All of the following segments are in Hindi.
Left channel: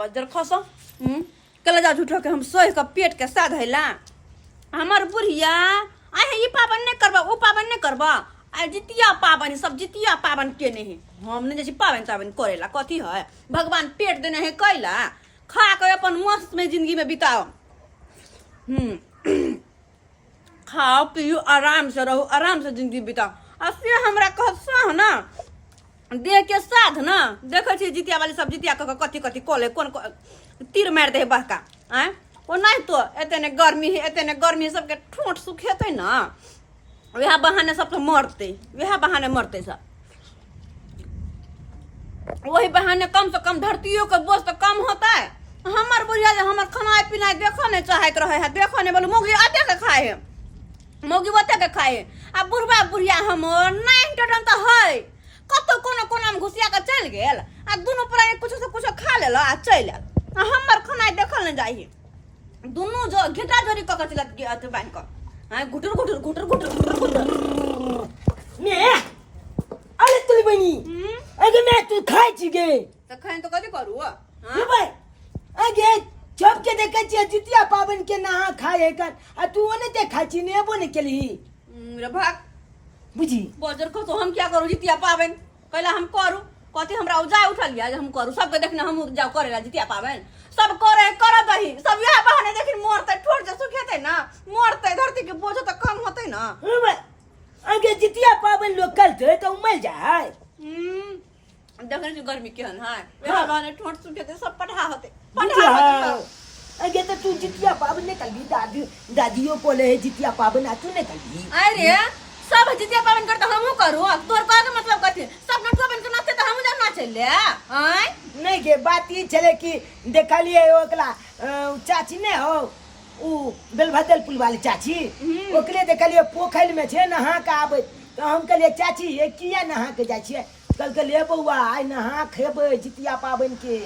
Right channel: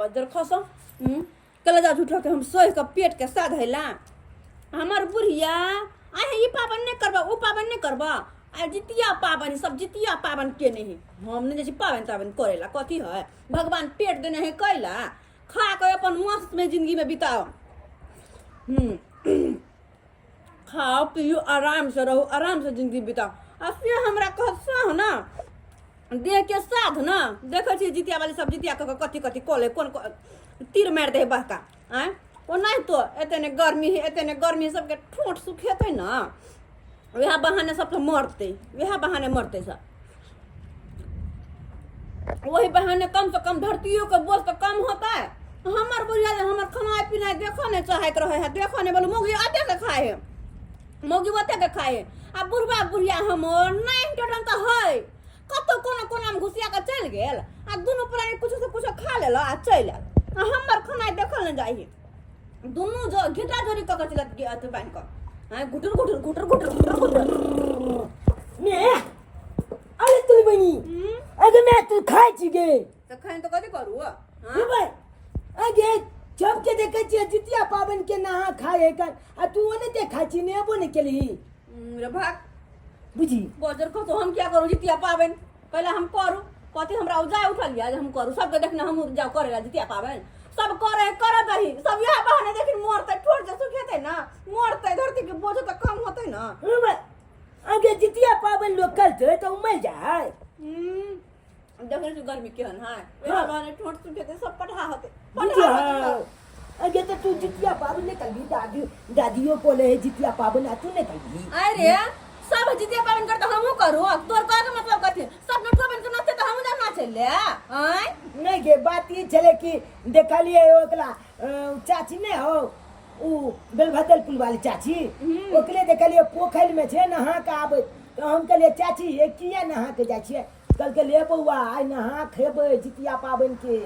बजर खस कल जा झूठो के हम सोह के पेट के साध हैला हमार बुढ़िया आए ये पाबन नहीं करबा वो पाबन नहीं करबा आ जितिया पाबन सब जितिया पाबन के नहीं हम नहीं जैसे पाबन ताबन करेला कथी है भगवान पेट देने है कैला खा के अपन मस्त में जिंदगी में बिताओ खाओ पियो आराम से रहो आराम से जिंदगी बिताओ आ से हमरा कह सह ना देह के साध ना देखे छी जितिया वाली सब जितिया कथी कथी कले कौन तीर मार दे बहका आए वो नहीं तो एतने गर्मी है एतने गर्मी है सबके ठोंठ सुखेते ना वह बहाने सब तो मरते वह बहाने मरते सब वही बहाने कम से कम धरतियों का बोझ तो कम होता है हमार बुढ़िया हमार खाना पीना देखो नहीं चाहे रहे है देखो नहीं बोलो मोगी आते के खाए है मोगी बते के खाए अब बुढ़वा बुढ़िया हमर नहीं टटन तो है कतो कोनो कोना में घुसिया के चल गेल आ दोनों प्राणी कुछ से कुछ खा लेला आ चल आल हमर खाना देखल न जाई दोनों जो घिटा जोरी क चलत के अत बान क हां गुटर गुटर गुटर गुटर गुटर ने अरे तुली बनी अगे मैं तू खाई छी गे त खाइन त कथि करू हां भाई अगे जब के देखे छी जितिया पावन के नहा खाए कर आ तू ओने ते खाई छी ने बोने केली रे भाग बुझी बजर को तो हम क्या करू जितिया पावन कहला हम करू कथि हमरा उजा उठल लिया हम करू सबके देखना हम जाओ करेला जितिया पावन सब करे करत रही सब यह बहाने देखिन मरते ठोर जे सुखेते ना मरते धरती के बोझ तो कम होते ना अगे जितिया पावन लोग करते तो मर जाए देखने से गर्मी केहन है यह बहाने ठोर सुखेते सब पढ़ा होते अगे तो तू जितिया पावन ने कल भी दादियों बोले है जितिया पावन आ तू ने कल भी अरे सब जितिया पावन करता हमहू करू तोर का मतलब कथि सब नटवा बन के नाचते त हमहू ना चले हैं नहीं के बात ये चले कि देखलिए ओकला चाची ने हो उ बेलभदल पुल वाली चाची ओकरे देखलिए पोखर में छे नहा के आबे तो हम कहलिए चाची ये किया नहा के जाय छिए कल के ले बउआ आइ नहा खेबे जितिया पावन के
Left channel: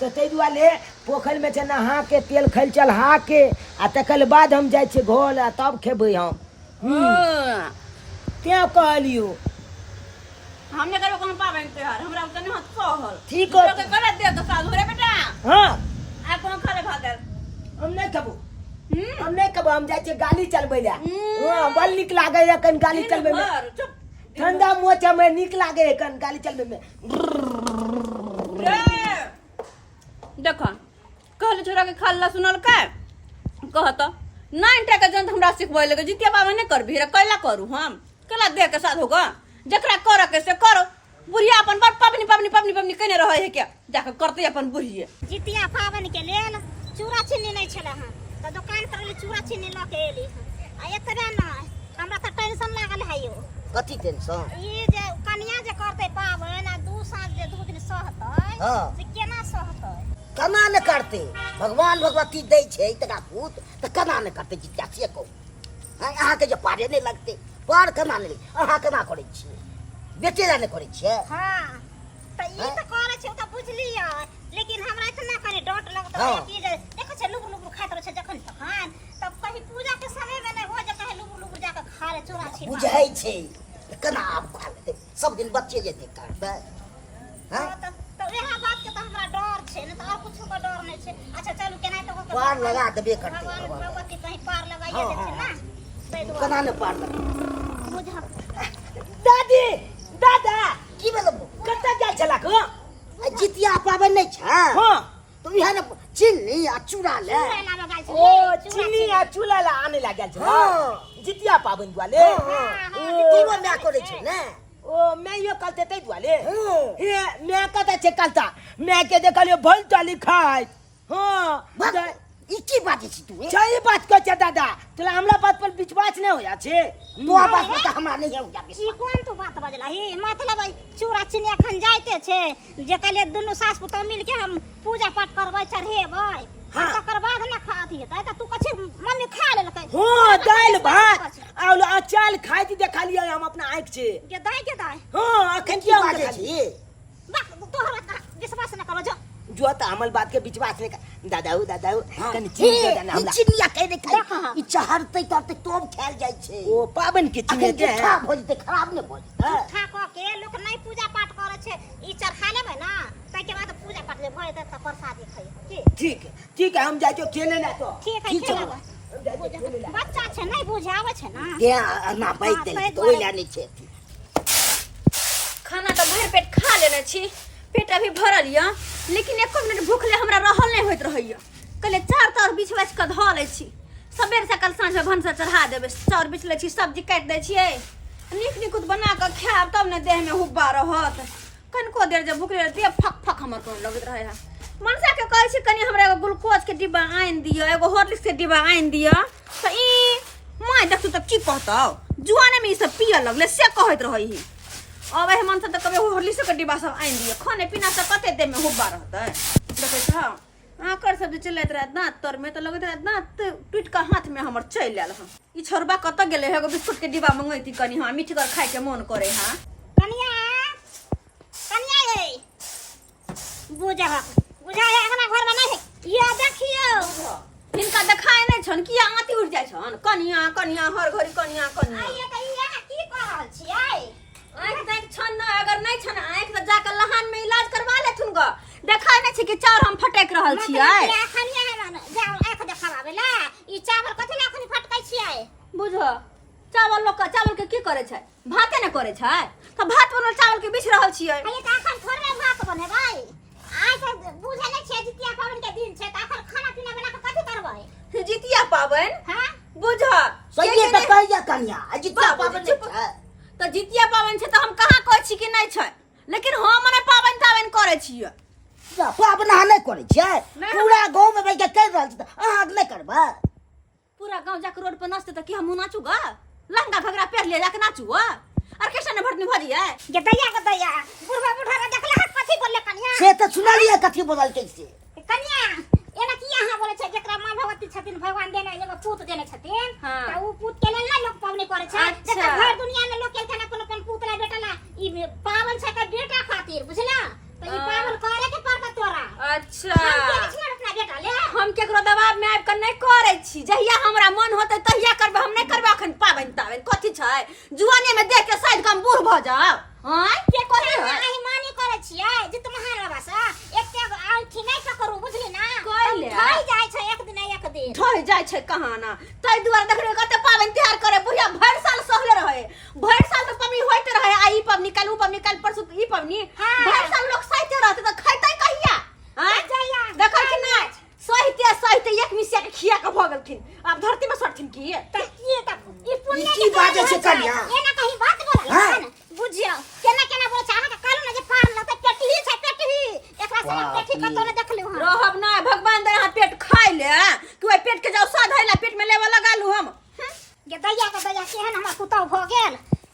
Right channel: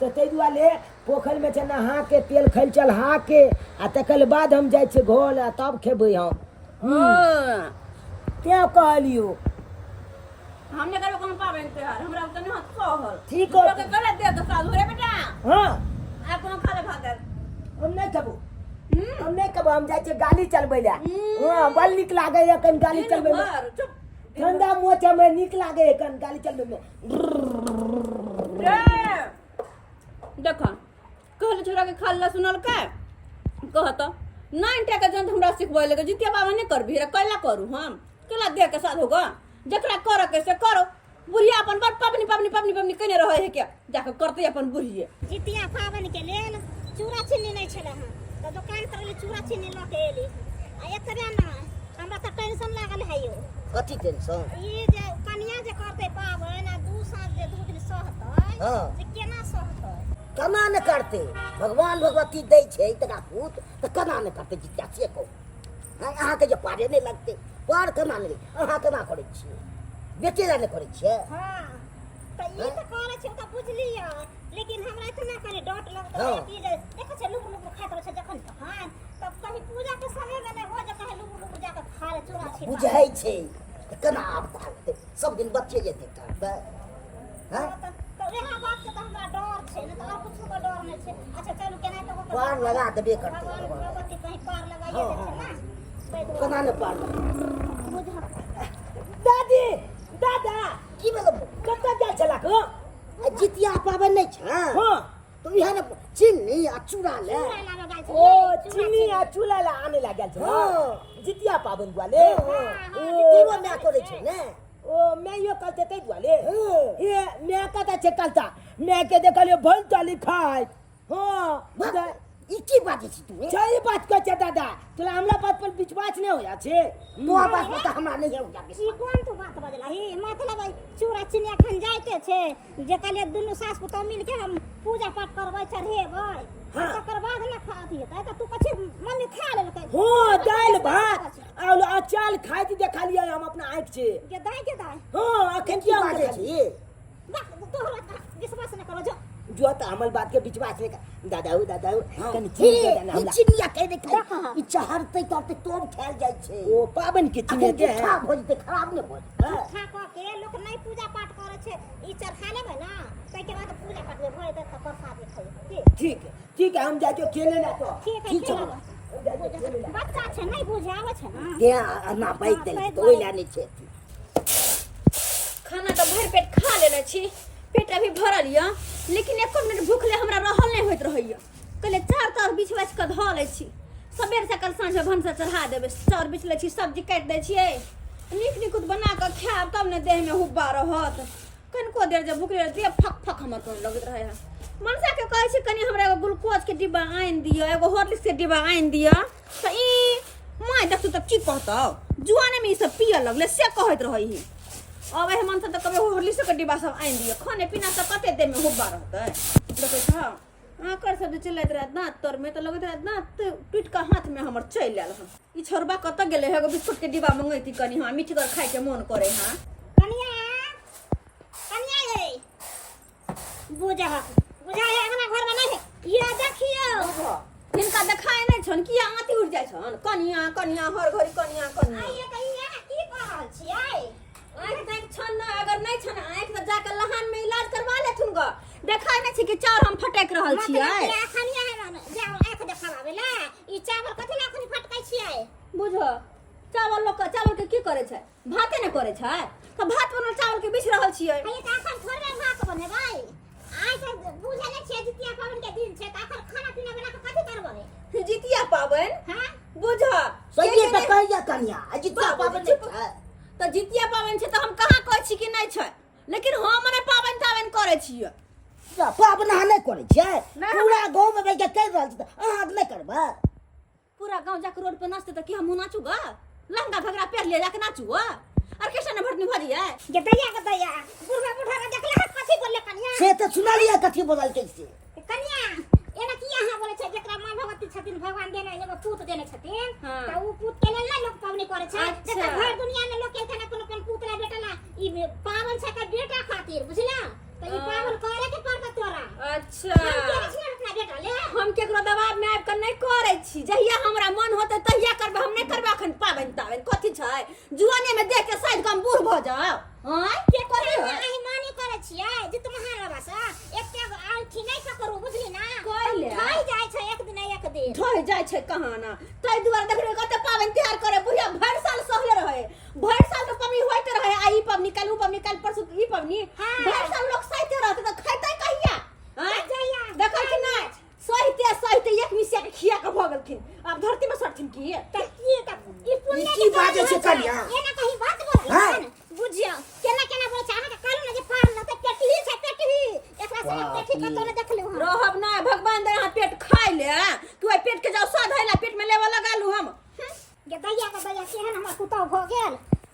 तो तै दुआरे पोखर में छे नहा के तेल खैल चढ़ा के आ तकल बाद हम जाय छिए घर आ तब खेबे हम क्या कहलियो हमने करो कोनो पावन त्योहार हमरा तने हाथ सहल ठीक है के कर दे तो साधु रे बेटा हां आ कोनो खाले भागल हम नहीं खाबो हम नहीं खाबो हम जाय छिए गाली चलबै ला हां बल निक लागे रे कन गाली चलबै में ठंडा मोचा में निक लागे रे कन गाली चलबै में देखो कहले छोरा के खाला सुनल का कहत नाइन टका जन हमरा सिखबै लगे जितिया पावन नहीं करबी रे कैला करू हम कला दे के साथ होगा जकरा कर के से करो बुढ़िया अपन बड़ पबनी पबनी पबनी पबनी कने रहे है क्या जाके करते अपन बुढ़िए जितिया पावन के लेल चूड़ा चीनी नहीं छले हां तो दुकान पर ले चूड़ा चीनी ल के एली आ एतबे ना हमरा त टेंशन लागल है यो कथी टेंशन ई जे कन्या जे करते पावन आ दू साँझ जे दू दिन सहतै से केना सहतै कना न करते भगवान भगवती दै छै तका पूत त कना न करते जितिया से को अहाँ के जे पारे नहीं लगते पार कना नहीं अहाँ कना करे छी बेटे ला नहीं करे छी हां त ई त करे छै त बुझलियै लेकिन हमरा इतना करे डट लगत है कि जे देखै छै लुबु लुबु खाइत रहे छै जखन तखन तब कहीं पूजा के समय में नहीं हो जे कहीं लुबु लुबु जाके खा ले चूड़ा छी बुझै छै कना आप खा लेते सब दिन बच्चे जेते करबे हां तो यह बात के तो हमरा डर छै न त और कुछ का डर नहीं छै अच्छा चलू केना तो पार लगा देबे करते भगवती कहीं पार लगाइए देथिन ना कना न पार दादी दादा की बोल कत्ता जा चला को जितिया पावन नहीं छ हां तो यहाँ न चीनी आ चूड़ा ले ओ चीनी आ चूड़ा ला आने लागल छ हां जितिया पावन वाले तीनो ना करे छै ने ओ मैं यो कलते तै दुआले हे मैं कता छे कलता मैं के देखलियो भल चाली खाय हां ई की बात छी तू सही बात कह छ दादा तोला हमरा बात पर विश्वास नहीं होया छे तो बात पर हमरा नहीं हो जाबे ई कोन तू बात बजला ही मतलब चूड़ा चीनी अखन जाइते छे जे कहले दुनु सास पुतौ मिल के हम पूजा पाठ करबै चढ़ेबै तकर बाद न खाती है त तू कछे मम्मी खा लेलकै हां दाल भात और अचार खाई थी देखा लिया हम अपना आंख से के दाई हां अखन की बात छी बा तोहरा विश्वास न करो जो त हमल बात के विश्वास नहीं कर दादाऊ कनी छी चीनी देना हमरा चिनिया कह दे खाई ई चहरते तरते तोब खायल जाय छै ओ पावन के चीनी के खराब हो जते खराब न हो ठा क के लोग नहीं पूजा पाठ करे छे ई चरखा लेबै ना ताके बाद पूजा पाठ ले भय त प्रसादी खाई ठीक है हम जाए तो खेले ना तो ठीक है ठीक चलो बच्चा छै नहीं बुझे आवे छै ना त्या ना बैठ दे तो ओइ लाने छे खाना तो भर पेट खा लेने छी पेट अभी भरल य लेकिन एको मिनट भूखले हमरा रहल नहीं होइत रहैया कहले चार तर बीछ बाछ के धऽ लै छी सबेर से कल साँझ भनसा चढ़ा देबै चाउर बीछ लै छी सब्जी काटि दै छियै नीक नीकुत बना कऽ खायब तब ने देह में हुब्बा रहत कनिको देर जब भूखले रहती फक फक हमर कोन लगैत रहे है मनसा के कहै छी कनी हमरा एगो ग्लूकोज के डिब्बा आनि दिअ एगो हॉर्लिक्स के डिब्बा आनि दिअ तऽ ई माय देखू तऽ की कहतौ जुआने में ई सब पिय लगले से कहैत रही अब एहि मन से तऽ कभी हॉर्लिक्स के डिब्बा सब आनि दिअ खाने पीना से कते देर में हुब्बा रहतै देखै छ आकर सब जे चलैत रहे दांत तर में तऽ लगैत रहे दांत टूट के हाथ में हमर चलि आयल हँ ई छोरबा कतऽ गेलै एगो बिस्कुट के डिब्बा मंगैती कनी हाँ मीठगर खाय के मन करे हाँ कनिया रे बुझा हमरा घर में नहीं ये देखियो हिनका देखाय नहीं छन किया आती उठ जाय छन कनिया कनिया हर घड़ी कनिया कनिया आइए कहिया की कर रहल छियै आँख देख छन ना अगर नहीं छन आँख तो जाकर लहान में इलाज करवा ले थुन ग देखाय नहीं छी कि चाउर हम फटेक रहल छियै खनिया है ना जाओ आँख देखावे ला ई चावल कथि ला खनि फटकै छियै बुझो चावल लोग चावल के की करे छै भाते ने करे छै तो भात बनल चावल के बीछ रहल छियै आइए त अखन थोड़े भात बनेबै आइ त बुझे नै छियै जितिया पाबनि के दिन छै त अखन खाना पीना बना के कथि करबै जितिया पाबनि हां बुझो सही त कहिया कन्या जितिया पाबन छै तो जितिया पाबनि छै तो हम कहाँ कहै छी कि नहीं छै लेकिन हम मने पाबनि ताबनि करे छियै पाबन अहाँ नहीं करे छियै पूरा गांव में बैठ के कह रहल छी अहाँ नहीं करबै पूरा गांव जाके रोड पर नाचते तो कि हम नाचू गा लहंगा घगरा पहन ले जाके नाचू ऑर्केस्ट्रा में भरनी भरी है के दैया बुढ़वा बुढ़ा देखला कथि बोलले कनिया से त सुनलिए कथि बोलल के से कनिया एना की अहाँ बोले छै जेकरा मां भगवती छथिन भगवान देने एगो पूत देने छथिन हाँ। त उ पूत के लेल ना लोग पावनी करे छै अच्छा। जेकर घर दुनिया में लोग के कोनो कोन पूत ला बेटा ला ई पावन छै का बेटा खातिर बुझला त ई पावन करे के पड़त तोरा अच्छा हम के छिन अपना बेटा ले हम केकरो दबाव में आबि के नहीं करे छी जहिया हमरा मन होते तहिया करबे हम नहीं करबे अखन पाबनि ताबनि कथि छै जुआने में देख के शायद हम बूढ़ भ जाओ हां के करे आही मानी करे छियै जे तुम महाराबा सा एकटे आंखी नहीं पकड़ू बुझली ना कहले। थई जाय छै एक दिन ढोइ जाय छै कहाँ ना तै दुआरे देखरे कते पाबनि त्योहार करे बुढ़िया भर साल सहले रहे भर साल तो पबनी होइत रहे आई पबनी कल उ पबनी कल परसु ई पबनी हाँ। भर साल लोग सहिते रहते तो खैतै कहिया हां जइया देखै कि ना सहिते एक मिसिया के खिया के भ गेलखिन अब धरती में सड़थिन की त ई पुण्य की बाजे छै कन्या एना कहीं बात बोलल हाँ। बुझियो केना बोले छै अहाँ के कहलु ना जे पार न त पेटही छै पेटही एकरा से पेटही कतो ने देखलु हम रहब ना भगवान दे हां पेट खाइ ले तू पेट के जाऊ स्वाद हैला पेट में लेवा लगालू हम के दैया केहन हमर पुतौ भ गेल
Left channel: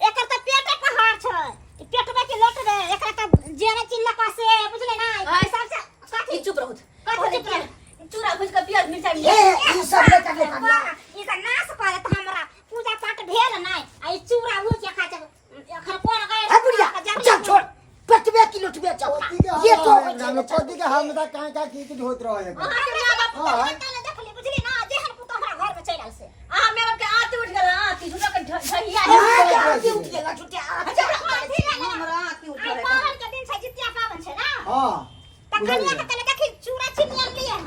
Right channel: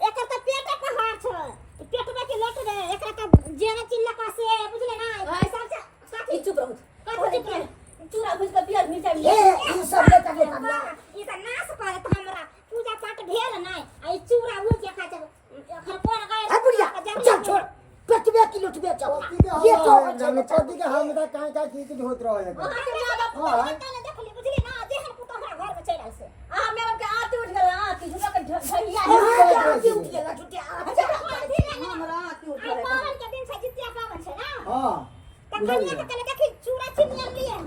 एकर त पेटे पहाड़ छै ई पेटबे के लोट रे एकरा त जेने चिल्ला का से बुझले ना हाय। सबसे ई चुप रहू कथि चुप रह चूरा भूज के प्याज मिर्चाई ए ई सब नहीं करले कन्या ई त नाश करत हमरा पूजा पाठ भेल नै आ ई चूरा भूज के खा एखर कोन गए ए बुढ़िया चल छोड़ पटवे की लुटवे जाओ ये तो हम पति के हम त का की होत रहे देखली बुझली ना जेहन पुतो हमरा घर में चल आल से आ मेरे के आती उठ गेल आती झुटा के ढहिया उठ गेला छुटिया हमरा आती उठ गेल पावन के दिन से जितिया पावन छै ना हां त कनिया के तले देखी चूड़ा चिनिया लिए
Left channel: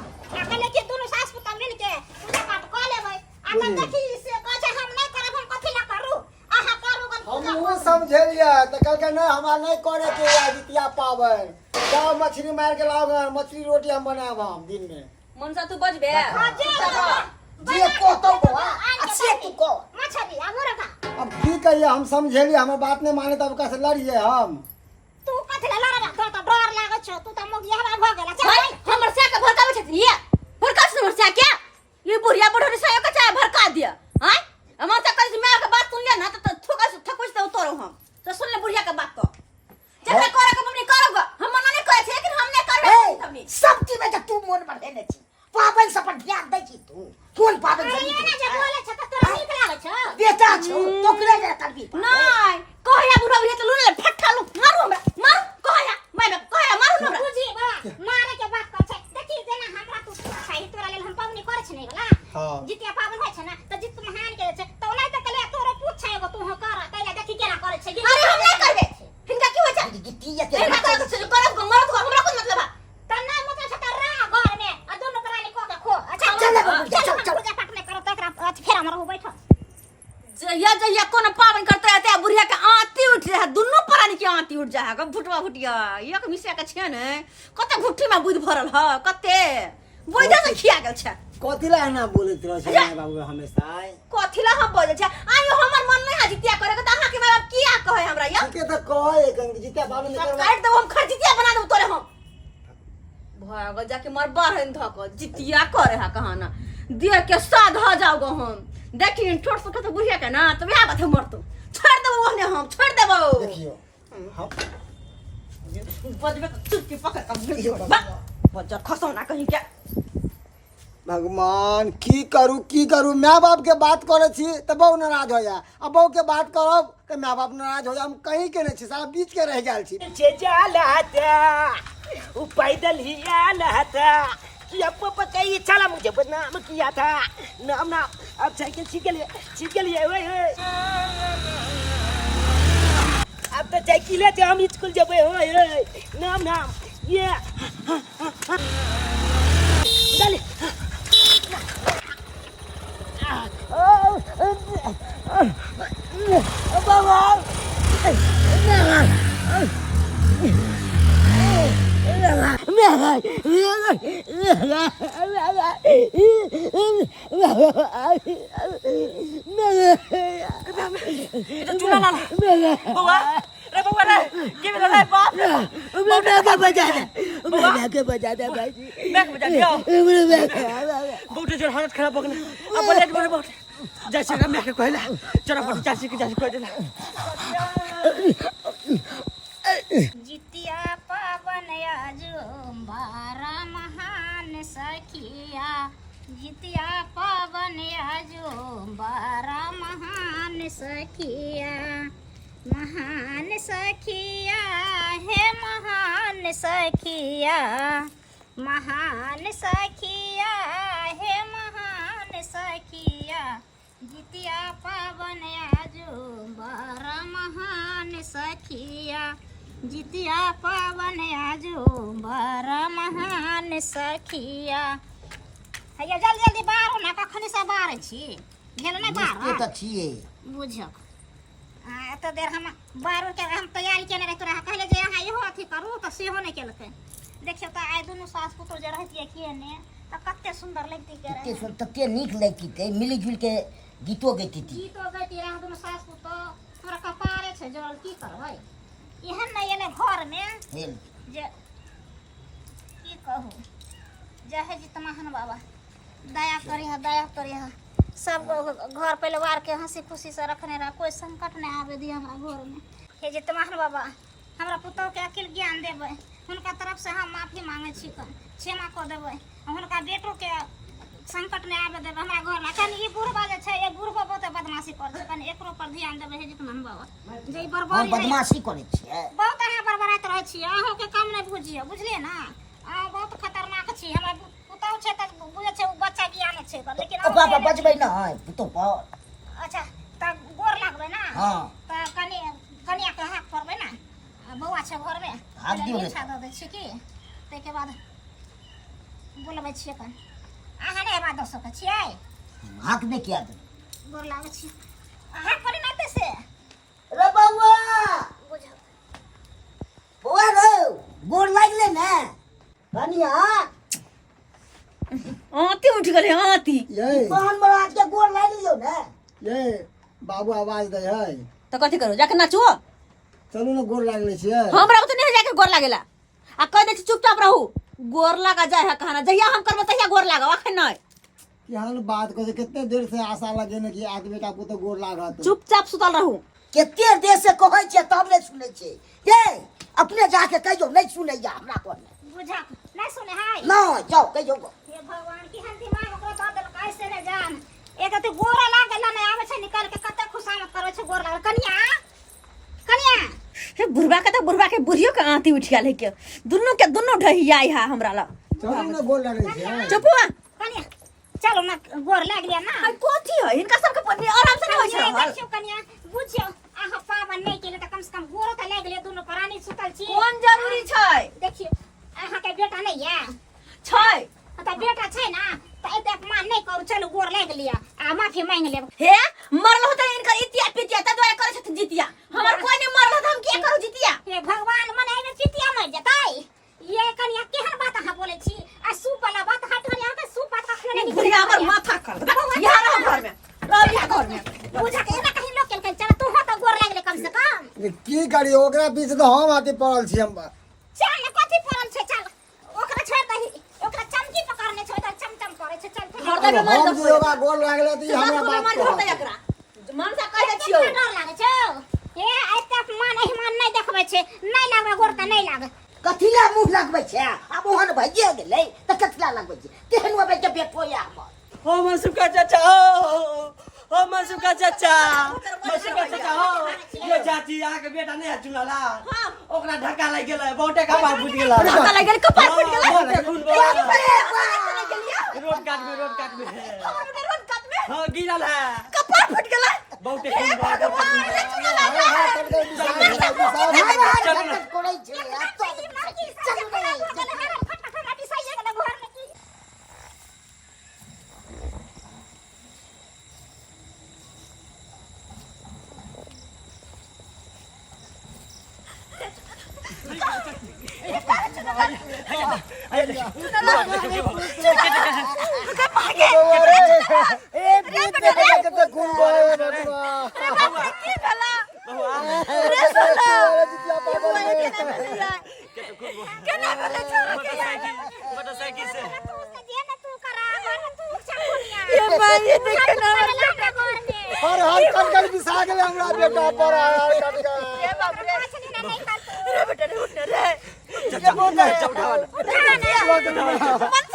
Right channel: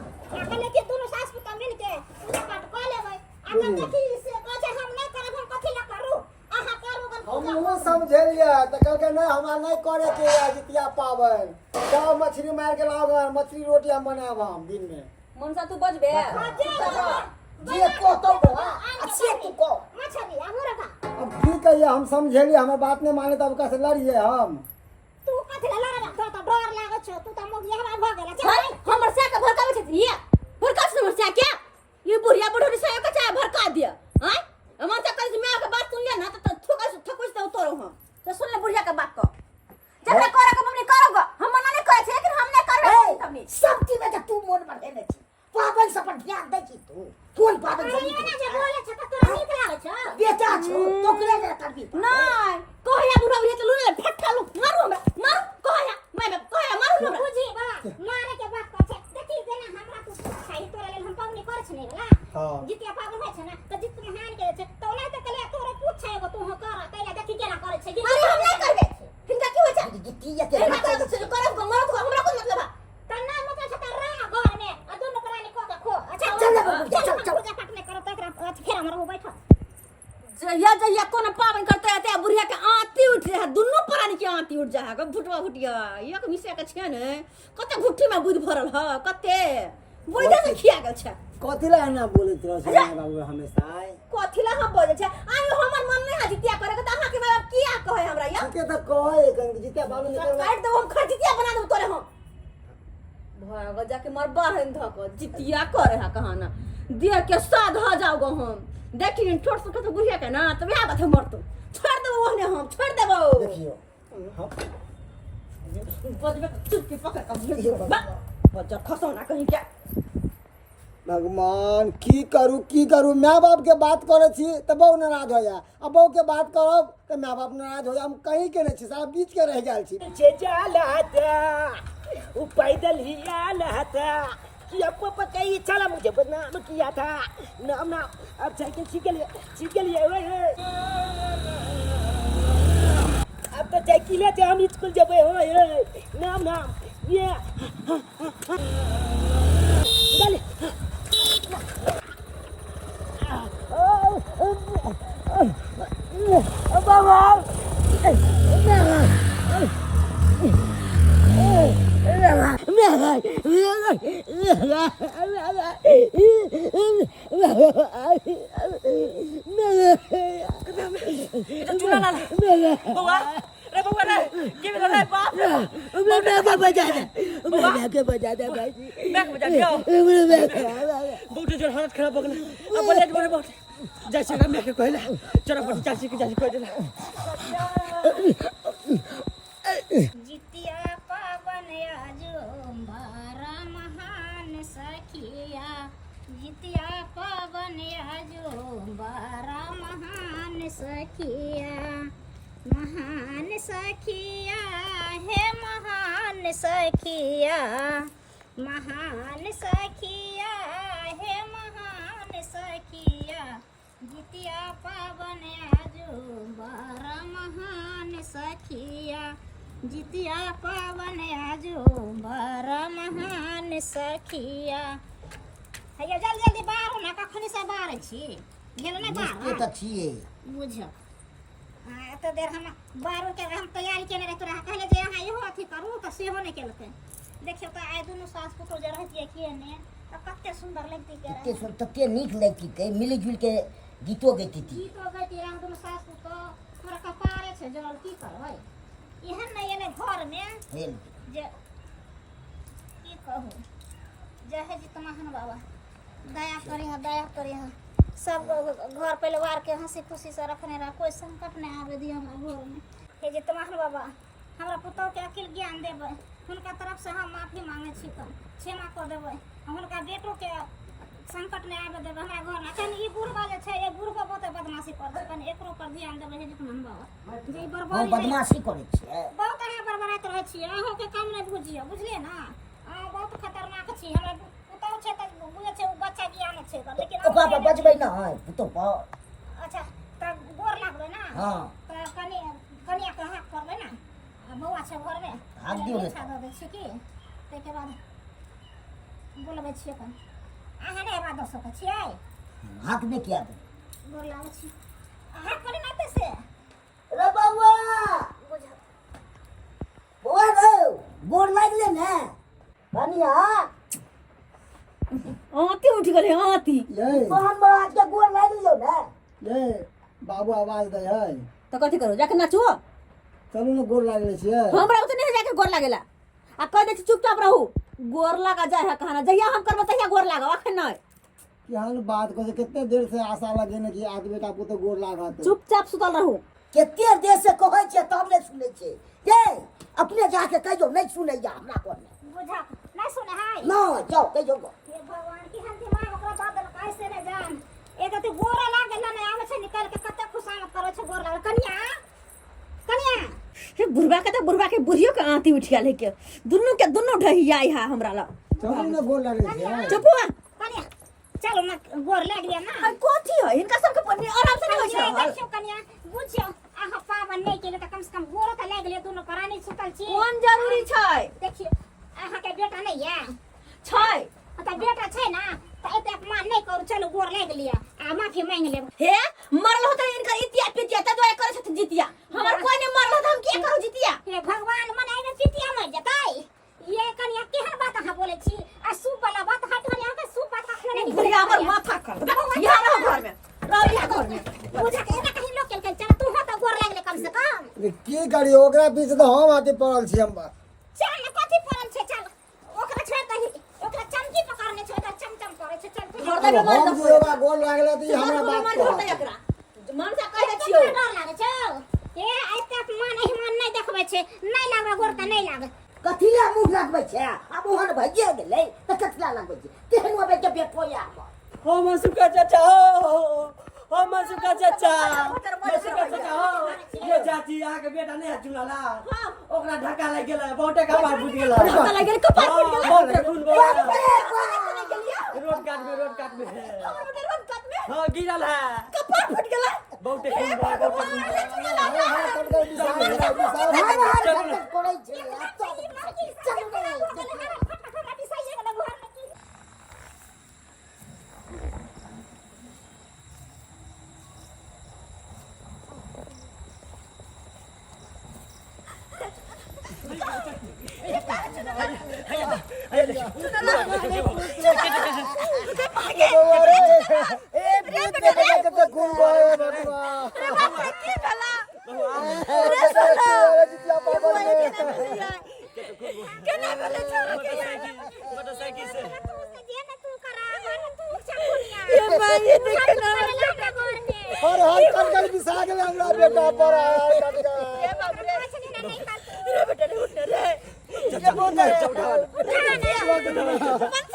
आ कले के दुनु सास पुता मिल के पूजा पाठ क लेबै आ त देखी से कहे हम नहीं करब हम कथि ला करू आहा करू गन हम वो समझलिए त कल के ना हमरा नहीं करे के जितिया पावन जाओ मछली मार के लाओ मछली रोटी हम बनाब हम दिन में मनसा तू बजबे जे को तो बा अच्छे तू को मछली आ मुर्गा अब की कहिए हम समझलिए हमर बात नहीं माने तब कैसे लड़िए हम तू कथि ला लड़ा तो डर लागै छ तू त मोगिया हमरा भ गेला चल भाई हमर से के भड़कावे छै ये भड़का समस्या क्या ये बुढ़िया बुढ़ोरी से के चाहे भड़का दिया हैं हमर से कल मैं के बात सुन ले ना तो ठकुस तो उतरो हम तो सुन ले बुढ़िया के बात को जब करे के मम्मी करोगे हम मना नहीं करे छै लेकिन हम नहीं करबे हमनी सब चीज में तू मन बढ़ेने छी पावन सब पर ध्यान दै छी तू कोन पावन सब ये ना जे बोले छ त तोरा नीक लागै छ बेटा छौ तोकरे जे करबी नहीं कहया बुढ़ा बुढ़िया तो लूने फट्टा लू मारू हमरा मार कहया मैं कहया मारू हमरा बुझी बा मारे के बात कर छै देखी जेना हमरा तू सही तोरा लेल हम पावनी करे छ नै वाला हां जितिया पावन होय छै ना त जित महान के छै त ओना त कले तोरे पूछ छै एगो तू हो कर तैला देखी केना करे छै अरे हम नहीं करबे हिनका की होय छै जितिया के हिनका करे करब को मरद को हमरा कोन हा ग भुटवा भुटिया एक मिसिया के छै ने कते घुट्टी में बुध भरल ह कते बुध से खिया गेल छै कथिला ना बोलत रह छै माय बाबू हमेशा कथिला हम बोले छै आयो हमर मन नहीं है जितिया करे के त अहाँ के माय बाप किया कहे हमरा या के त कहे कन जितिया बाबू ने करवा काट दो हम खजितिया बना दो तोरे हम भाग जाके मर बाहर धक जितिया करे हा कहाना दे के साध ह जाओ गो हम देखी ठोट से तो बुझिया के ना तो बियाह बात मरतो छोड़ देबो ओहने हम छोड़ देबो देखियो हम बजबे चुपके पकड़ का बजा खसो ना कहीं क्या भगवान की करू माय बाप के बात करे छी त बहु नाराज हो जा अब बहु के बात करब त माय बाप नाराज हो जा हम कहीं के नहीं छी सारा बीच के रह गेल छी से जाला वो पैदल ही आला था कि अब पापा कहीं चला मुझे बदनाम किया था नाम ना अब साइकिल सीख लिए ओए अब तो साइकिल है हम स्कूल जब ओए नाम ये चल चूल्हा ला बउआ रे के बेला रे बाप के बजा दे भाई जी बैग बजा दियो बहुत जोर हालत खराब हो गला अब बोले बहुत जैसे का मैं के कहला चरा पटी चाची के जासी कह देला जितिया पावन आजो बारा महान सखिया जितिया पावन आजो बारा महान सखिया महान सखिया हे महान सखिया महान सखिया हे महान सखिया जितिया पावन आजो बारा महान सखिया जितिया पावन आजो बारा महान सखिया हैया जल्दी जल्दी बाहर ना कखनी से बाहर छी गेल ना बाहर त छिए बुझक तो देर हम बाहर के हम तैयारी केने रह तोरा कहले जे यहाँ इहो अथी करू त सेहो नहीं केलकै देखियो त आइ दुनु सास पुतो जे रहतिए किने त कते सुंदर लगती के रहे तते नीक लगती थे मिली जुल के गीतो गैती थी गीतो गैती रह दुनु सास पुतो तोरा कपारे छे जल की करबै एहन नहीं एने घर में हेल जे की कहू जहे जी महान बाबा दया करी है सब घर परिवार के हंसी खुशी से रखने रहा कोई संकट नहीं आवे दी हमरा घर में हे जी महान बाबा हमरा पुतौ के अकिल ज्ञान देबै हुनका तरफ से हम माफी मांगे छी क्षमा को देबै हुनका बेटो के संकट नहीं आवे देबै हमरा घर में कनी ई बुढ़बा जे छै ए बुढ़बा बहुत बदमाशी कर छै कनी एकरो पर ध्यान देबै हे जी महान बाबा जे हम बर्बादी बदमाशी करे छिए बहुत अहाँ बरबराइत रहै छी अहाँ के काम नहीं बुझिए बुझलिए ना अहाँ बहुत खतरनाक छी हमरा पुतौ छै त बुझे छै बच्चा ज्ञान छै लेकिन पापा बजबै ना पुतो पर अच्छा त गोर लागबै ना हां त कनिया के हाथ परबै ना बौआ छै घर में हाथ दियौ ने अच्छा द दै छी की तै के बाद बोलबै छियै कन अहाँ नै बात द सकै छियै हाथ में किया दे गोर लागै छी हाथ पर नै तै से रे बउआ बुझ बउआ रे गोर लागले ना कनिया आती उठ गले आती ये कौन बड़ा के गोर लाग लियो ना ये बाबू आवाज दे है तो कथी करू जाके नाचो चलू ना गोर लागले छिए हमरा तो नहीं जाके गोर लागेला आ कह दे चुपचाप रहू गोर लगा जाए है कहना जहिया हम करबो तहिया गोर लागा अखन नहीं केहन बात करे कितने देर से आशा लगे ने कि आज बेटा पुतो गोर लागत चुपचाप सुतल रहू केते देर से कहै छै तब नै सुनै छै ये अपने जाके कहियो नै सुनैया हमरा कोन बुझा नै सुने हाय ना जाओ कहियो हे भगवान की हम दिमाग ओकरा दऽ देल कैसे रे जान एक अति गोरा लागल नै आबै छै निकल के कते खुशामत करै छै गोर लागल कनिया हे बुढ़वा के बुढ़ियो के आंती उठ गेल है के दुन्नु ढहिया है हमरा ला चलू ना गोर लागले छिए चुपवा कनिया चलो ना गोर लाग लिया ना आई कोथी है इनका सबके पन्नी आराम से होय छै देखियो कनिया बुझियो आहा पावन नै केले त कम से कम गोरो त लाग लिया दुनु प्राणी सुतल छी कोन जरूरी छै देखियो आहा के बेटा नै या छै त बेटा छै ना त एते अपमान नै करू चलो गोर लाग लिया आ माफी मांग लेब हे मरलो त इनका इतिया पितिया त दोए करे छथिन जितिया हमर कोई नै मरलो त हम के करू जितिया हे भगवान की करी ओकरा पीछे तो हम आते पड़ल छी हम बात चल कथी पड़ल छै चल ओकरा छोड़ दही ओकरा चमकी पकड़ने छै त चमचम करे छै चल घर दे मार हम दो जे ओकरा गोल लागले त ई हमरा बात मार कहत। दो एकरा मन से कह दे छियो डर लागे छौ ए आइ तक मान नहीं देखबै छै नहीं लागबे गोर त नहीं लागे कथिला मुंह लगबै छै आब ओहन भइए गेलै त कथिला लगबै छै केहन होबै के बेटो या हो मसुका चाचा हो मसुका चाचा हो यो चाची अहाँके बेटा नहीं है चुनाला ओकरा धक्का लग गेलै बहुते कपार फुट गेलै धक्का लग गेल कपार फुट गेल बहुते खून बह रोड काट में हमर बेटा रोड काट में हाँ गिरल है कपार फुट गेल बहुते खून बह चलू ना कोड़ै छै चलू ना ए भूत बेटा के तो खून बहे बेटा की भला रे सोना केना भला छोरा के मोटरसाइकिल से ये भाई ये देख ना और हाल कटकल बिसा गेले हमरा बेटा पर हाल कटकल ये बाप रे बेटा रे उठ रे ये बहुत है मन से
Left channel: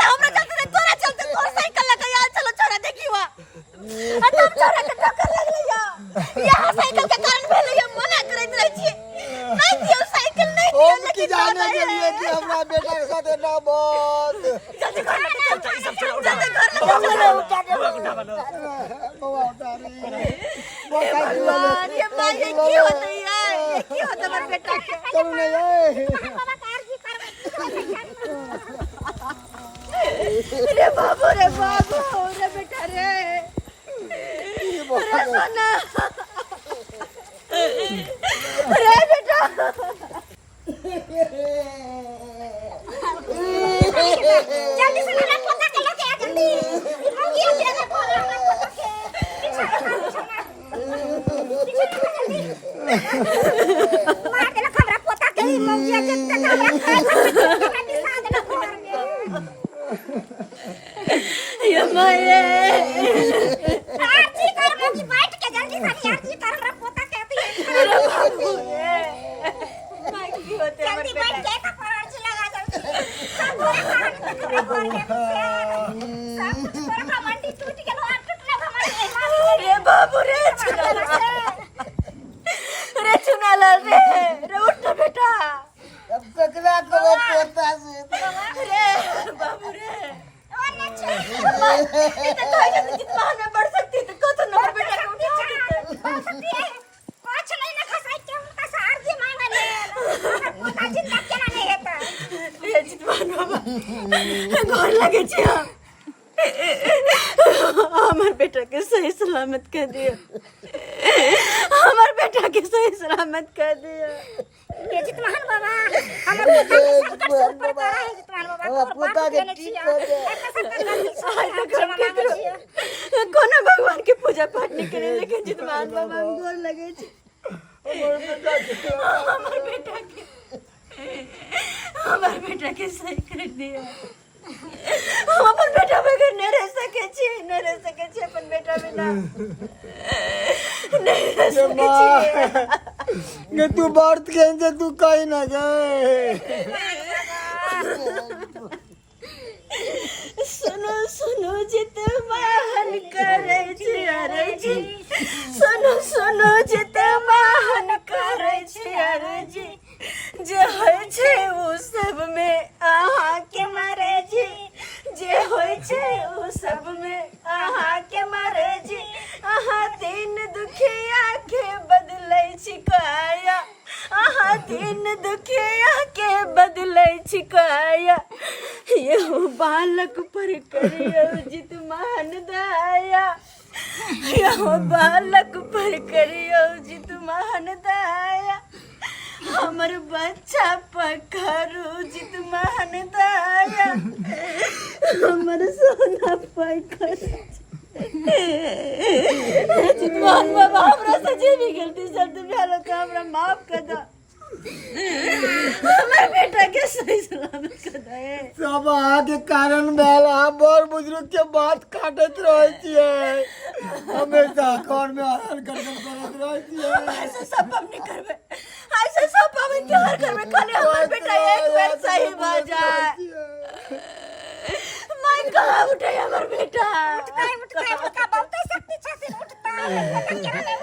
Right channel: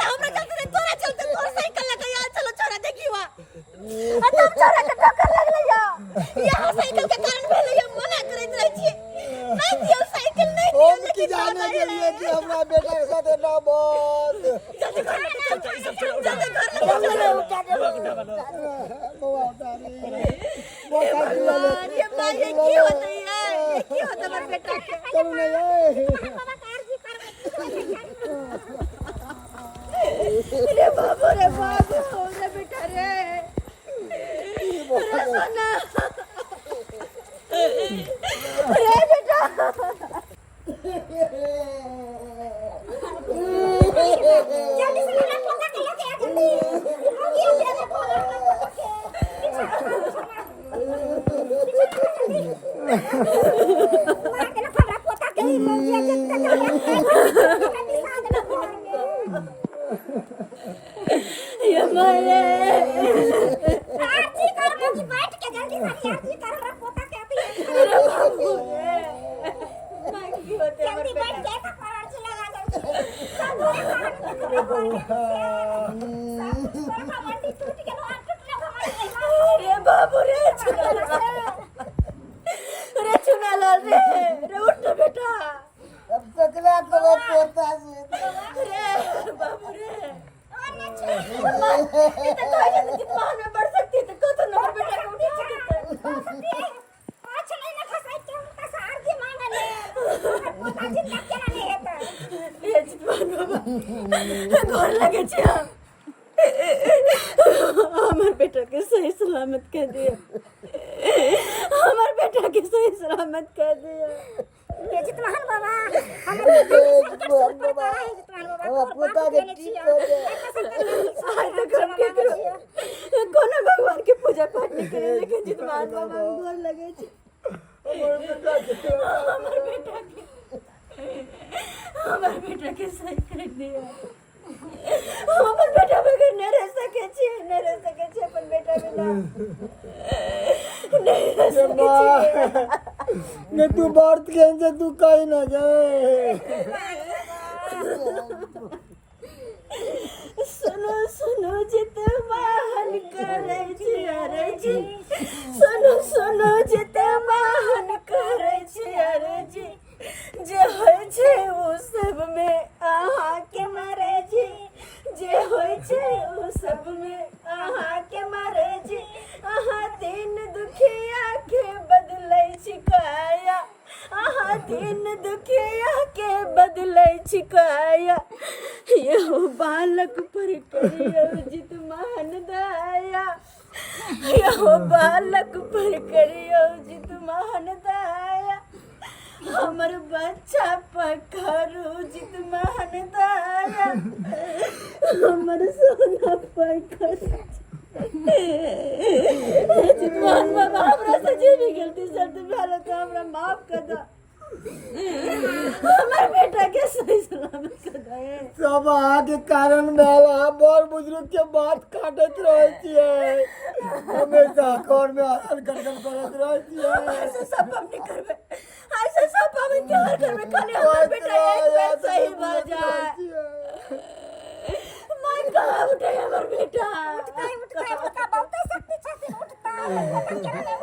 हमरा चलते तोरा चलते तोर साइकिल लगा यार चलो छोरा देखिवा तब छोरा के टक्कर लगले या साइकिल के कारण भेले या मना करैत रहै छी नहीं दियो साइकिल नहीं दियो हम की जाने के लिए कि हमरा बेटा के साथ ना बहुत जल्दी घर चलो बाबा उतारी भगवान ये मां ये की होता है ये की होता मेरे बेटा के चलो ना ये रे बाबू रे बेटा रे सोना रे बेटा जल्दी से ना पता के लेके आ जल्दी ये तेरे को मार देना खबरा पोता के मौजिया जितने ये माये आरती कर मौजी बैठ के जल्दी से आरती कर हमरा पोता के रे बाबू रे मां की होते जल्दी मेरे बैठ बेटा के का आरती लगा जल्दी सब मंडी टूट गेलो आ टूटला रे बाबू रे चुनाला रे उठ ना बेटा अब ककरा को पोता से रे बाबू रे ये तो कहीं ना जितना में बढ़ सकती तो को तो नंबर बेटा को उठा सकते कुछ नहीं ना खसाई के उनका सारजी मांगा ले पोता जिंदा केना नहीं हेता ये जितमान बाबा घर लगे छिया हमार बेटा के सही सलामत कह दिया हमार बेटा के सही सलामत कह दिया ये जितमान बाबा हमर पोता के सब कर पड़ता है जितमान बाबा पोता के ठीक हो गया आज तक हम के करो कोनो भगवान के पूजा पाठ नहीं करे लेकिन जितमान बाबा हम गोर लगे छी हमार बेटा के सही कर दिया हम अपन बेटा बगैर नहीं रह सके छी अपन बेटा बिना नहीं रह सके छी ये तू बात के तू कहीं ना गए सुनो जित वाहन करे छी अरे जी सुनो जित वाहन करे छी अरे जी जे होय छै ओ सब में अहाँ के मारे जी जे होय छै ओ सब में अहाँ के मारे जी अहाँ दिन दुखिया के बदलै छी काया अहाँ दिन दुखिया के बदलै छी काया यहो बालक पर करियो जित मान दया यहो बालक पर करियो जित मान दया हमर बच्चा पकड़ू जित मान दया हमर सोना पकड़ू चितमान बाबा हमरा से जे भी गलती शर्त भेल त हमरा माफ कर दो। हमर बेटा के सही सलामत कर दे। सब अहाँके कारण भेल। अहाँ बड़ बुजुर्ग के बात काटत रहे छियै, हमेशा घर में हरण करत रहे छियै। ऐसे सब हम नहीं करबे, ऐसे सब हम इनकार करबे। खाली हमर बेटा एक बेर सही भ जाए। मैं कहाँ उठे हमर बेटा? उठता बहुत शक्ति छथिन, उठता केना नहीं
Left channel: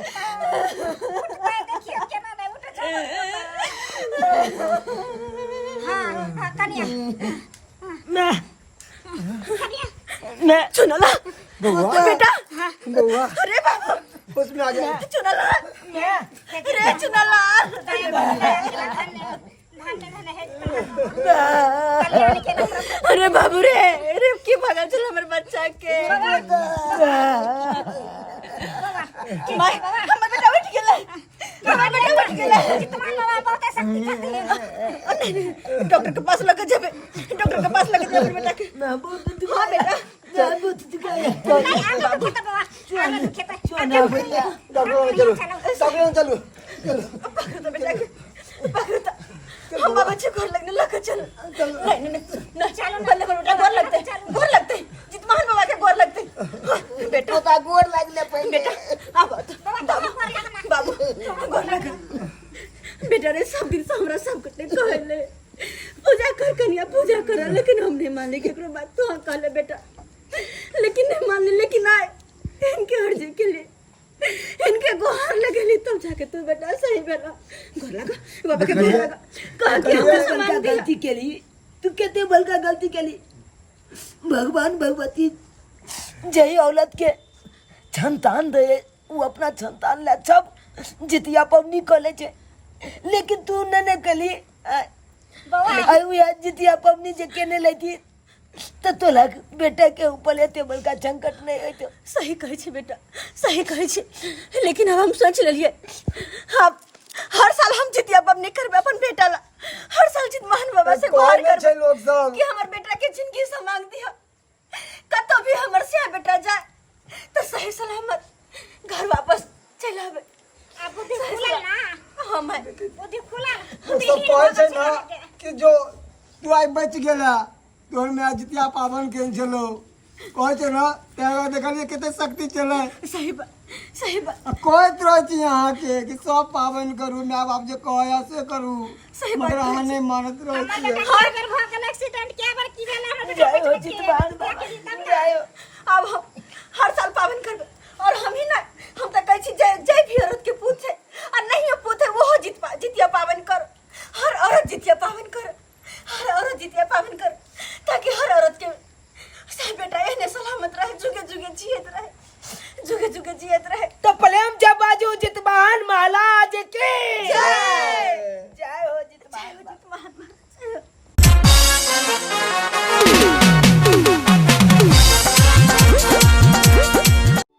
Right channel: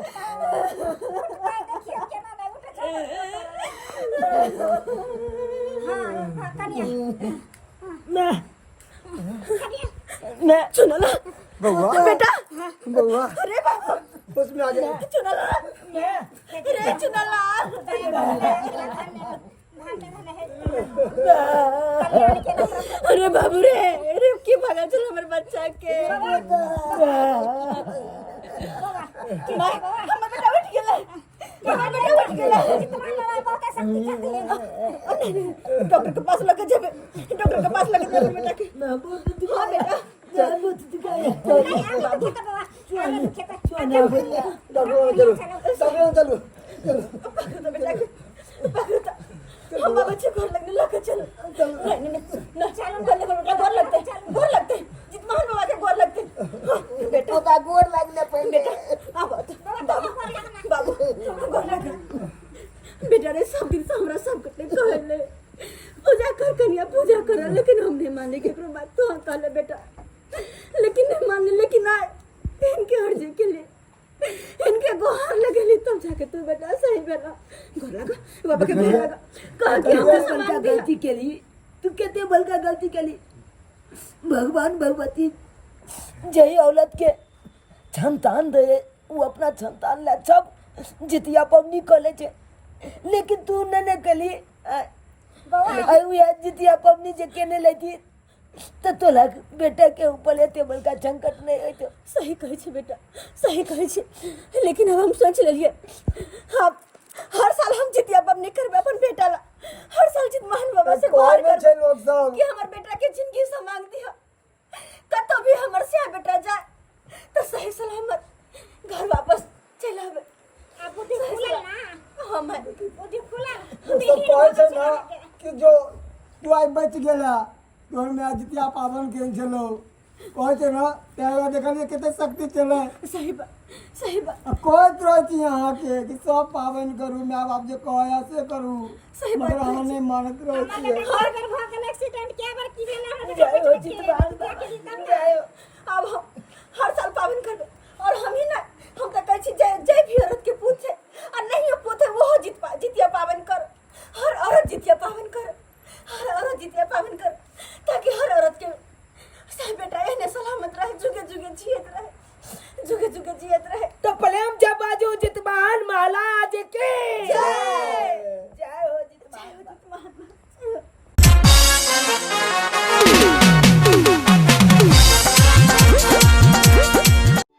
उठता देखिए केना नहीं उठे। हाँ कनिया मैं चुनला बउआ बेटा। बउआ अरे बाबा उसमें आ जाए। चुनला रे चुनला। अरे बाबू रे की भगा चल हमर बच्चा के। माय हमर बेटा उठ गेलै, हमर बेटा उठ गेलै। बहुत शक्ति छथिन। डॉक्टर के पास लेके जेबे, डॉक्टर के पास लेके जेबे बेटा के। मैं बहुत हाँ बेटा बहुत दिखाया। डॉक्टर चलो, डॉक्टर चलो पकड़ बेटा के, पकड़। हम बच्चे घर लगने लगा चल। नहीं चलो पहले बेटा गोर लगते जितमान बाबा के गोर लगते बेटा। तो गोर लगले पहले बेटा अब बाबू गोर लग बेटा रे। सब दिन से हमरा सब कटे कहले पूजा कर कन्या पूजा कर, लेकिन हम नहीं माने केकरो बात। तो कहले बेटा लेकिन नहीं माने। लेकिन आए इनके अर्जी के लिए इनके गोहार लगेली तब जाके तू बेटा सही भेला। गोर लगा बाबा के, गोर लगा। कह के हमने बड़का सामान दिया। गलती केली तू, केते बड़का गलती केली। भगवान भगवती जही औलत के संतान दे, वो अपना संतान ला सब जितिया पवनी कले छे, लेकिन तू न कली। जितिया पवनी जे केने लेती तो तोला बेटा के ऊपर एते बड़का संकट नहीं होतो। सही कहै छै बेटा, सही कहै छै। लेकिन अब हम सोच लेलिए अब हर साल हम जितिया पवनी करबे अपन बेटा ला। हर साल जितमान बाबा से गुहार करबे लोग सब कि हमर बेटा के जिंदगी से मांग दिया। कतो भी हमर से बेटा जाए तो सही सलामत घर वापस चल आवे। अब बुद्धि खुला ना। हां मैं बुद्धि खुला। सब कहै छै ना कि जो तू आई बच गेला तोर में आज जितिया पावन के चलो कहै छै ना तेरा देखलिए कते शक्ति चले। सही बात कहैत रहे छी अहाँ के कि सब पावन करू, माय बाप जे कहै से करू, सही बात मगर अहाँ नहीं मानत रहे छियै। हर बेर भ गेल एक्सीडेंट के बार की भेला हमरा जय हो जितवान जय हो। अब हम हर साल पावन करबे। और हम ही ना हम तो कहै छी जय जय भी औरत के पूत छै।